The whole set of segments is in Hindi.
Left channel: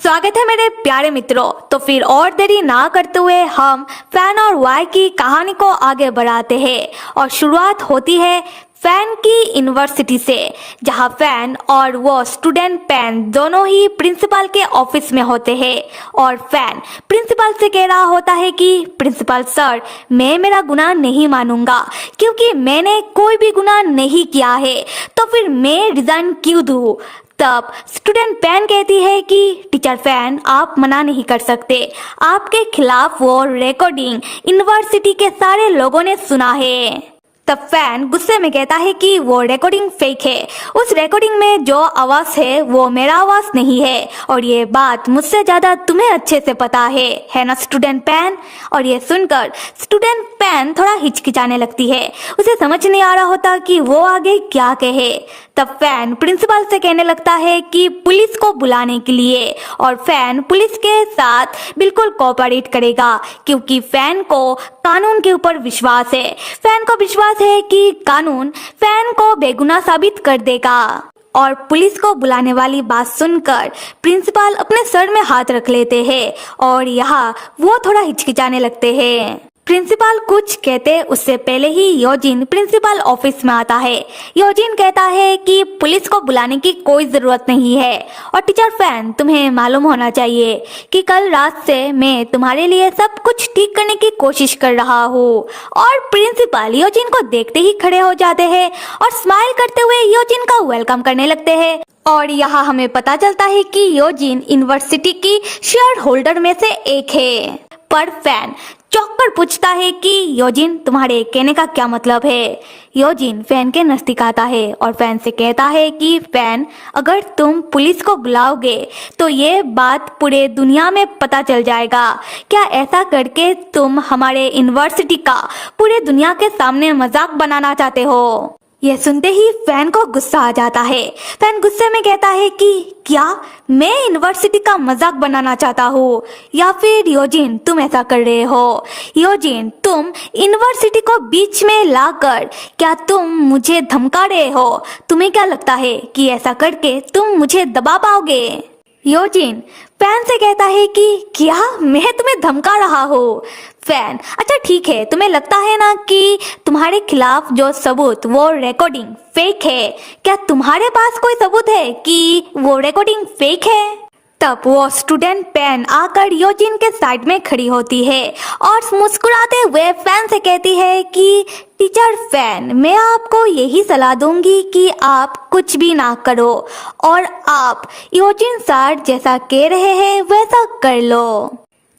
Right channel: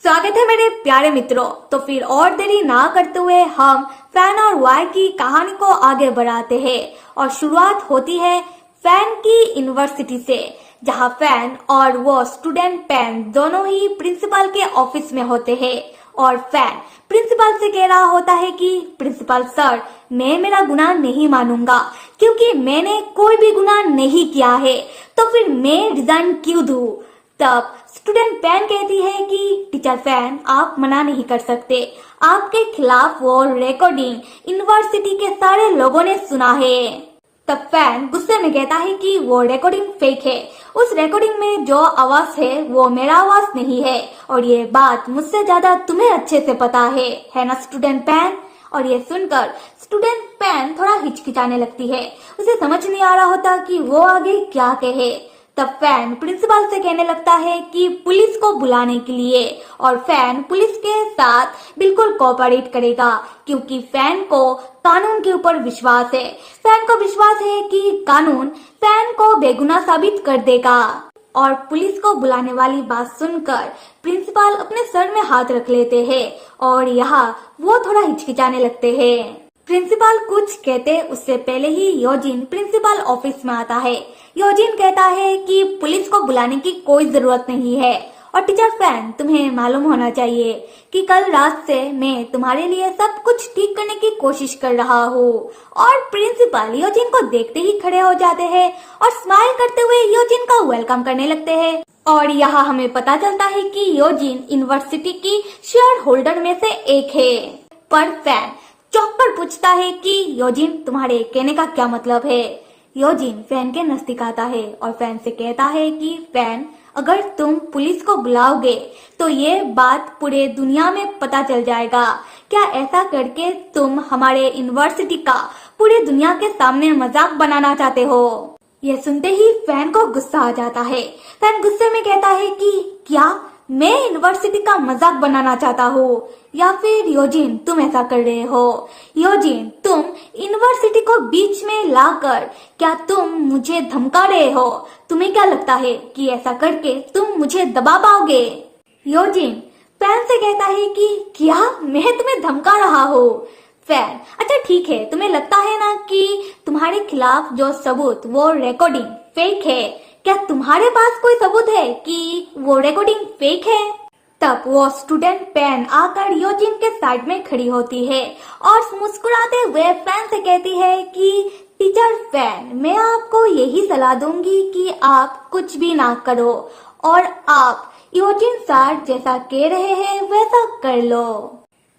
स्वागत है मेरे प्यारे मित्रों। तो फिर और देरी ना करते हुए हम फैन और वाई की कहानी को आगे बढ़ाते हैं और शुरुआत होती है फैन की यूनिवर्सिटी से, जहां फैन और वो स्टूडेंट पेन दोनों ही प्रिंसिपल के ऑफिस में होते हैं और फैन प्रिंसिपल से कह रहा होता है कि प्रिंसिपल सर, मैं मेरा गुनाह नहीं मानूंगा क्योंकि मैंने कोई भी गुनाह नहीं किया है, तो फिर मैं रिजाइन क्यों दूं। तब स्टूडेंट पेन कहती है कि टीचर फैन, आप मना नहीं कर सकते, आपके खिलाफ वो रिकॉर्डिंग यूनिवर्सिटी के सारे लोगों ने सुना है। तब फैन गुस्से में कहता है कि वो रिकॉर्डिंग फेक है, उस रिकॉर्डिंग में जो आवाज है वो मेरा आवाज नहीं है और ये बात मुझसे ज्यादा तुम्हें अच्छे से पता है ना स्टूडेंट पेन। और ये सुनकर स्टूडेंट पेन थोड़ा हिचकिचाने लगती है, उसे समझ नहीं आ रहा होता कि वो आगे क्या कहे। तब फैन प्रिंसिपल से कहने लगता है कि पुलिस को बुलाने के लिए, और फैन पुलिस के साथ बिल्कुल कोऑपरेट करेगा क्योंकि फैन को कानून के ऊपर विश्वास है। फैन को विश्वास है कि कानून फैन को बेगुनाह साबित कर देगा। और पुलिस को बुलाने वाली बात सुनकर प्रिंसिपल अपने सर में हाथ रख लेते हैं और यहाँ वो थोड़ा हिचकिचाने लगते हैं। प्रिंसिपल कुछ कहते उससे पहले ही योजिन प्रिंसिपल ऑफिस में आता है। योजिन कहता है कि पुलिस को बुलाने की कोई जरूरत नहीं है और टीचर फैन, तुम्हें मालूम होना चाहिए कि कल रात से मैं तुम्हारे लिए सब कुछ ठीक करने की कोशिश कर रहा हूँ। और प्रिंसिपल योजिन को देखते ही खड़े हो जाते हैं और स्माइल करते हुए योजिन का वेलकम करने लगते हैं। और यहाँ हमें पता चलता है कि योजिन यूनिवर्सिटी की शेयर होल्डर में से एक है। पर फैन चौंक कर पूछता है कि योजिन, तुम्हारे कहने का क्या मतलब है। योजिन फैन के नजदीक आता है और फैन से कहता है कि फैन, अगर तुम पुलिस को बुलाओगे तो ये बात पूरे दुनिया में पता चल जाएगा। क्या ऐसा करके तुम हमारे यूनिवर्सिटी का पूरे दुनिया के सामने मजाक बनाना चाहते हो। यह सुनते ही फैन को गुस्सा आ जाता है। फैन गुस्से में कहता है कि क्या मैं यूनिवर्सिटी का मजाक बनाना चाहता हूँ, या फिर योजिन तुम ऐसा कर रहे हो। योजिन, तुम यूनिवर्सिटी को बीच में लाकर क्या तुम मुझे धमका रहे हो। तुम्हें क्या लगता है कि ऐसा करके तुम मुझे दबा पाओगे। योजिन फैन से कहता है कि क्या मैं तुम्हें धमका रहा हूँ। फैन, अच्छा ठीक है, तुम्हें लगता है ना कि तुम्हारे खिलाफ जो सबूत वो रिकॉर्डिंग फेक है, क्या तुम्हारे पास कोई सबूत है कि वो रिकॉर्डिंग फेक है। तब वो स्टूडेंट पेन आकर योजिन के साइड में खड़ी होती है और मुस्कुराते हुए फैन से कहती है कि टीचर फैन, मैं आपको यही सलाह दूंगी कि आप कुछ भी ना करो और आप योजिन सर जैसा कह रहे हैं वैसा कर लो।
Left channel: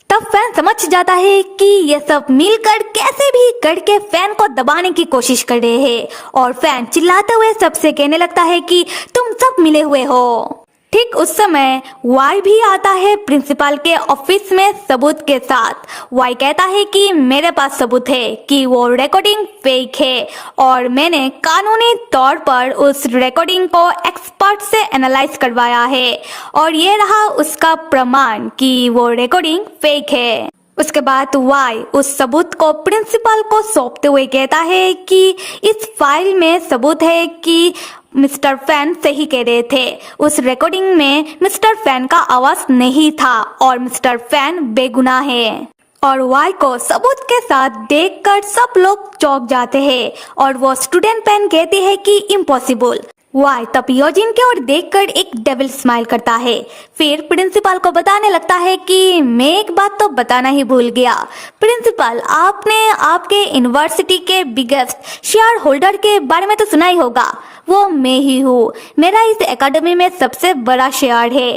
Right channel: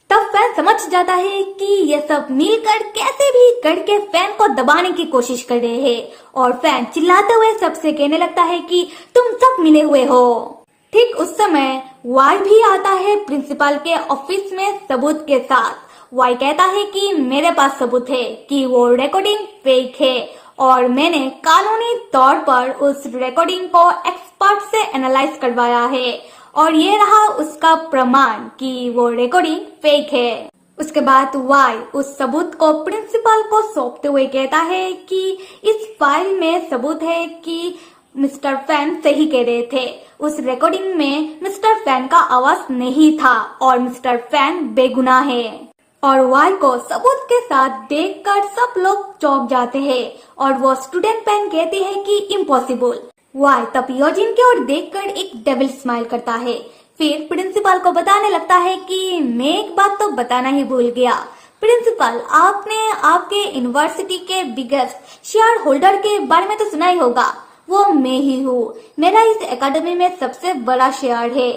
तब फैन समझ जाता है कि ये सब मिलकर कैसे भी करके फैन को दबाने की कोशिश कर रहे हैं और फैन चिल्लाते हुए सबसे कहने लगता है कि तुम सब मिले हुए हो। ठीक उस समय वाई भी आता है प्रिंसिपल के ऑफिस में सबूत के साथ। वाई कहता है कि मेरे पास सबूत है कि वो रिकॉर्डिंग फेक है और मैंने कानूनी तौर पर उस रिकॉर्डिंग को एक्सपर्ट से एनालाइज करवाया है और ये रहा उसका प्रमाण कि वो रिकॉर्डिंग फेक है। उसके बाद वाई उस सबूत को प्रिंसिपल को सौंपते हुए कहता है कि इस फाइल में सबूत है कि मिस्टर फैन सही कह रहे थे, उस रिकॉर्डिंग में मिस्टर फैन का आवाज नहीं था और मिस्टर फैन बेगुनाह है। और वाई को सबूत के साथ देखकर सब लोग चौंक जाते हैं और वो स्टूडेंट पेन कहते हैं कि इम्पॉसिबल। वाई तब योजिन की ओर देखकर एक डेविल स्माइल करता है, फिर प्रिंसिपल को बताने लगता है कि मैं एक बात तो बताना ही भूल गया। प्रिंसिपल, आपने आपके यूनिवर्सिटी के बिगेस्ट शेयर होल्डर के बारे में तो सुना ही होगा, वो मैं ही हूँ। मेरा इस एकेडमी में सबसे बड़ा शेयर है।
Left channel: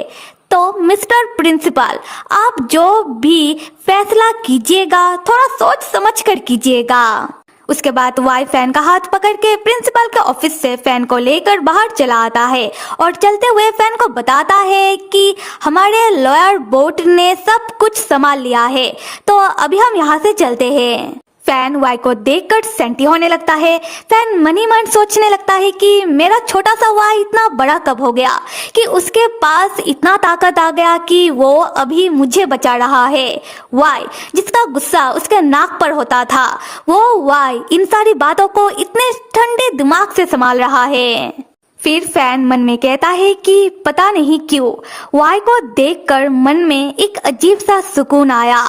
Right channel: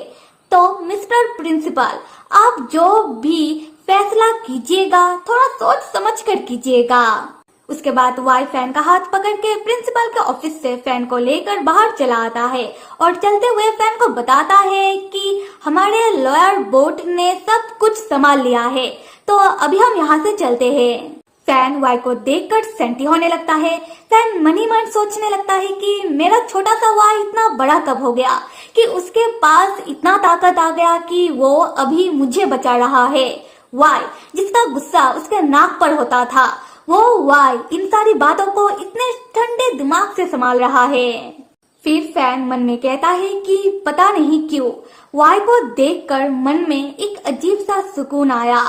तो मिस्टर प्रिंसिपल, आप जो भी फैसला कीजिएगा थोड़ा सोच समझ कर कीजिएगा। उसके बाद वाई फैन का हाथ पकड़ के प्रिंसिपल के ऑफिस से फैन को लेकर बाहर चला आता है और चलते हुए फैन को बताता है कि हमारे लॉयर बोर्ड ने सब कुछ संभाल लिया है, तो अभी हम यहाँ से चलते हैं। फैन वाई को देखकर सेंटी होने लगता है। फैन मन ही मन सोचने लगता है कि मेरा छोटा सा वाई इतना बड़ा कब हो गया कि उसके पास इतना ताकत आ गया कि वो अभी मुझे बचा रहा है। वाई जिसका गुस्सा उसके नाक पर होता था, वो वाई इन सारी बातों को इतने ठंडे दिमाग से संभाल रहा है। फिर फैन मन में कहता है कि पता नहीं क्यों वाई को देखकर मन में एक अजीब सा सुकून आया।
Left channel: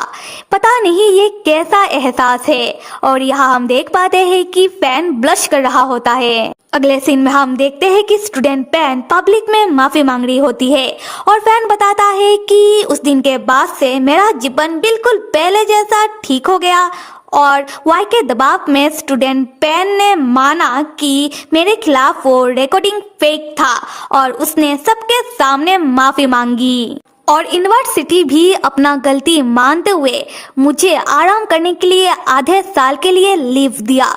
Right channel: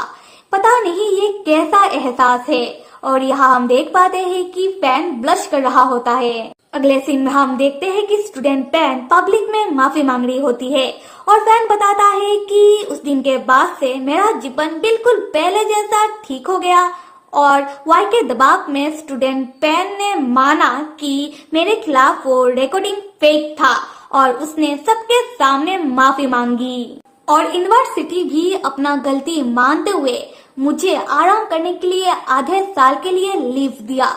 पता नहीं ये कैसा एहसास है। और यहाँ हम देख पाते हैं कि फैन ब्लश कर रहा होता है। अगले सीन में हम देखते हैं कि स्टूडेंट पैन पब्लिक में माफी मांग रही होती है और फैन बताता है कि उस दिन के बाद से मेरा जीवन बिल्कुल पहले जैसा ठीक हो गया। और वाई के दबाव में स्टूडेंट पैन ने माना कि मेरे खिलाफ वो रिकॉर्डिंग फेक था और उसने सबके सामने माफी मांगी। और यूनिवर्सिटी भी अपना गलती मानते हुए मुझे आराम करने के लिए आधे साल के लिए लीव दिया।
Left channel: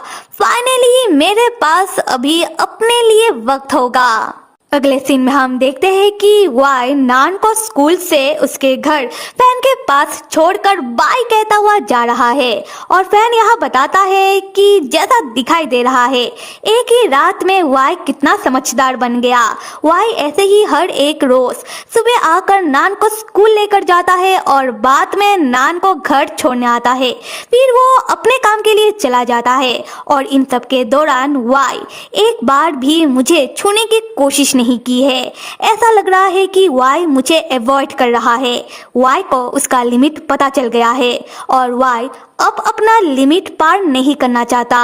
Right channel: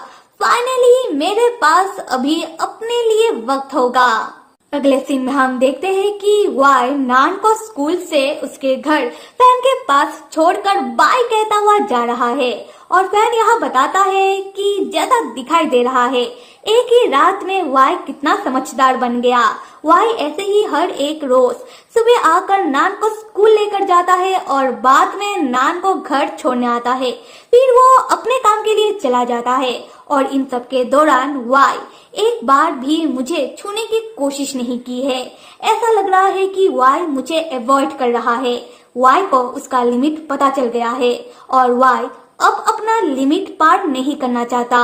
फाइनली मेरे पास अभी अपने लिए वक्त होगा। अगले सीन में हम देखते हैं कि वाई नान को स्कूल से उसके घर फैन के पास छोड़कर बाय कहता हुआ जा रहा है। और फैन यहाँ बताता है कि जैसा दिखाई दे रहा है एक ही रात में वाई कितना समझदार बन गया। वाई ऐसे ही हर एक रोज सुबह आकर नान को स्कूल लेकर जाता है और बाद में नान को घर छोड़ने आता है। फिर वो अपने काम के लिए चला जाता है। और इन सब के दौरान वाई एक बार भी मुझे छूने की कोशिश नहीं की है। ऐसा लग रहा है कि वाई मुझे अवॉइड कर रहा है। वाई को उसका लिमिट पता चल गया है और वाई अब अपना लिमिट पार नहीं करना चाहता।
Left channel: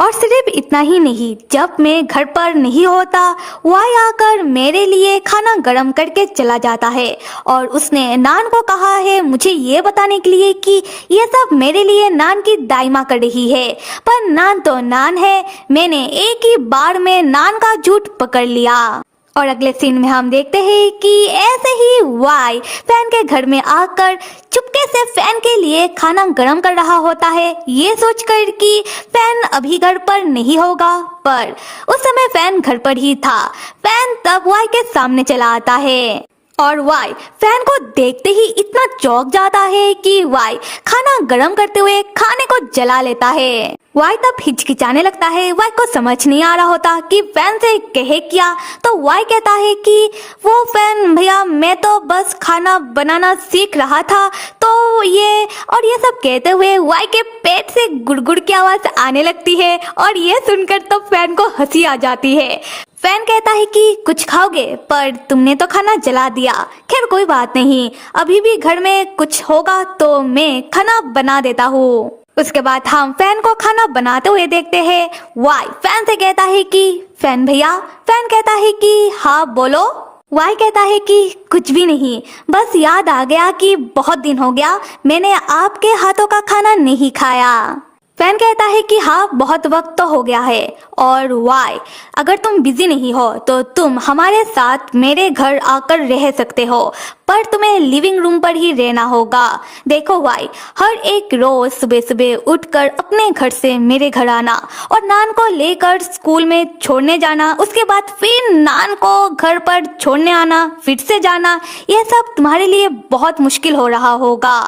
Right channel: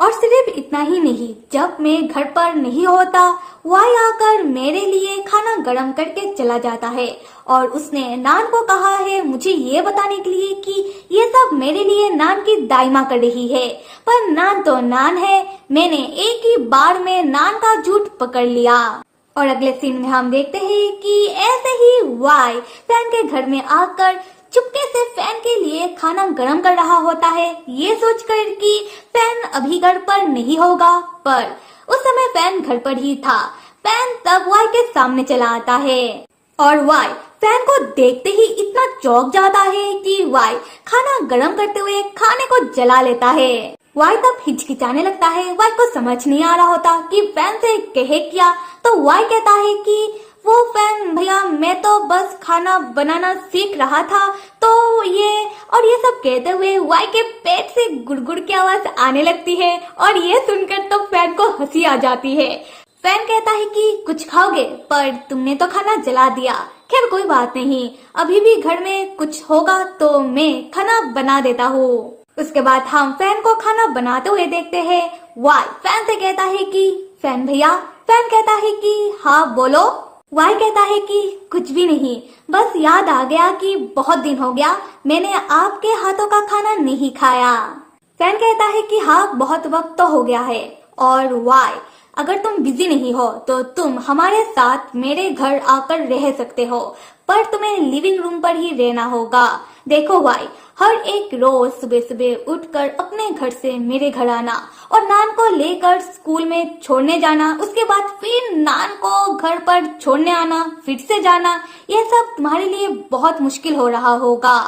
और सिर्फ इतना ही नहीं, जब मैं घर पर नहीं होता वाई आकर मेरे लिए खाना गरम करके चला जाता है। और उसने नान को कहा है मुझे ये बताने के लिए कि ये सब मेरे लिए नान की दाइमा कर रही है। पर नान तो नान है, मैंने एक ही बार में नान का झूठ पकड़ लिया। और अगले सीन में हम देखते हैं कि ऐसे ही वाई फैन के घर में आकर चुपके से फैन के लिए खाना गरम कर रहा होता है, ये सोचकर कि फैन अभी घर पर नहीं होगा। पर उस समय फैन घर पर ही था। फैन तब वाई के सामने चला आता है और वाई फैन को देखते ही इतना चौंक जाता है कि वाई खाना गरम करते हुए खाने को जला लेता है। वाई तब हिचकिचाने लगता है। वाई को समझ नहीं आ रहा होता कि फैन से कहे क्या। तो वाई कहता है कि वो फैन भैया मैं तो बस खाना बनाना सीख रहा था तो ये सब कहते हुए वाई के पेट से गुड़गुड़ की आवाज आने लगती है। और ये सुनकर तो फैन को हंसी आ जाती है। फैन कहता है कि कुछ खाओगे, पर तुमने तो खाना जला दिया। खैर कोई बात नहीं, अभी भी घर में कुछ होगा तो मैं खाना बना देता हूँ। उसके बाद हम फैन को खाना बनाते हुए देखते हैं। वाई फैन से कहता है कि फैन भैया। फैन कहता है कि हाँ बोलो। वाई कहता है कि कुछ भी नहीं, बस याद आ गया कि बहुत दिन हो गया मैंने आपके हाथों का खाना नहीं खाया। फैन कहता है कि हाँ बहुत वक्त तो हो गया है। और वाई अगर तुम बिजी नहीं हो तो तुम हमारे साथ मेरे घर आकर रह सकते हो, पर तुम्हें लिविंग रूम पर ही रहना होगा। देखो वाई, हर एक रोज सुबह सुबह उठकर अपने घर से मेरे घर आना और नान को लेकर स्कूल में छोड़ने जाना, उसके बाद फिर नान को घर पर छोड़ने आना, फिर से जाना, ये सब तुम्हारे लिए बहुत मुश्किल हो रहा होगा।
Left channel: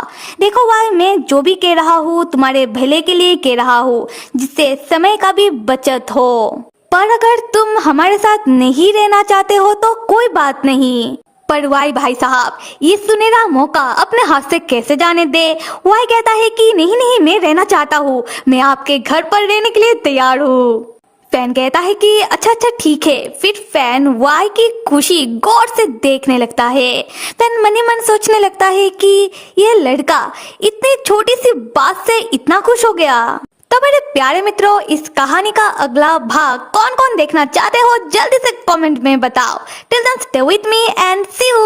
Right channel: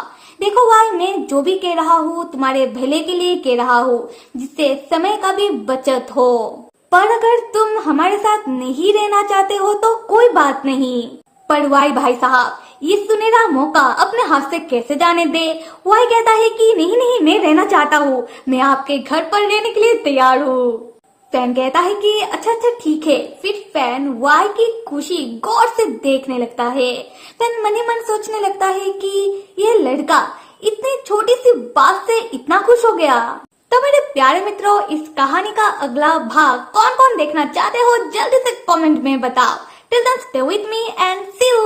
देखो वाई, मैं जो भी कह रहा हूँ तुम्हारे भले के लिए कह रहा हूँ, जिससे समय का भी बचत हो। पर अगर तुम हमारे साथ नहीं रहना चाहते हो तो कोई बात नहीं। पर वाई भाई साहब, ये सुनहरा मौका अपने हाथ से कैसे जाने दे। वाई कहता है कि नहीं नहीं, मैं रहना चाहता हूँ, मैं आपके घर पर रहने के लिए तैयार हूँ। फैन कहता है कि अच्छा अच्छा ठीक है। फिर फैन वाई की खुशी गौर से देखने लगता है। फैन मन ही मन सोचने लगता है कि ये लड़का इतनी छोटी सी बात से इतना खुश हो गया। तो मेरे प्यारे मित्रों, इस कहानी का अगला भाग कौन कौन देखना चाहते हो जल्दी से कमेंट में बताओ। Till then stay with me and see you.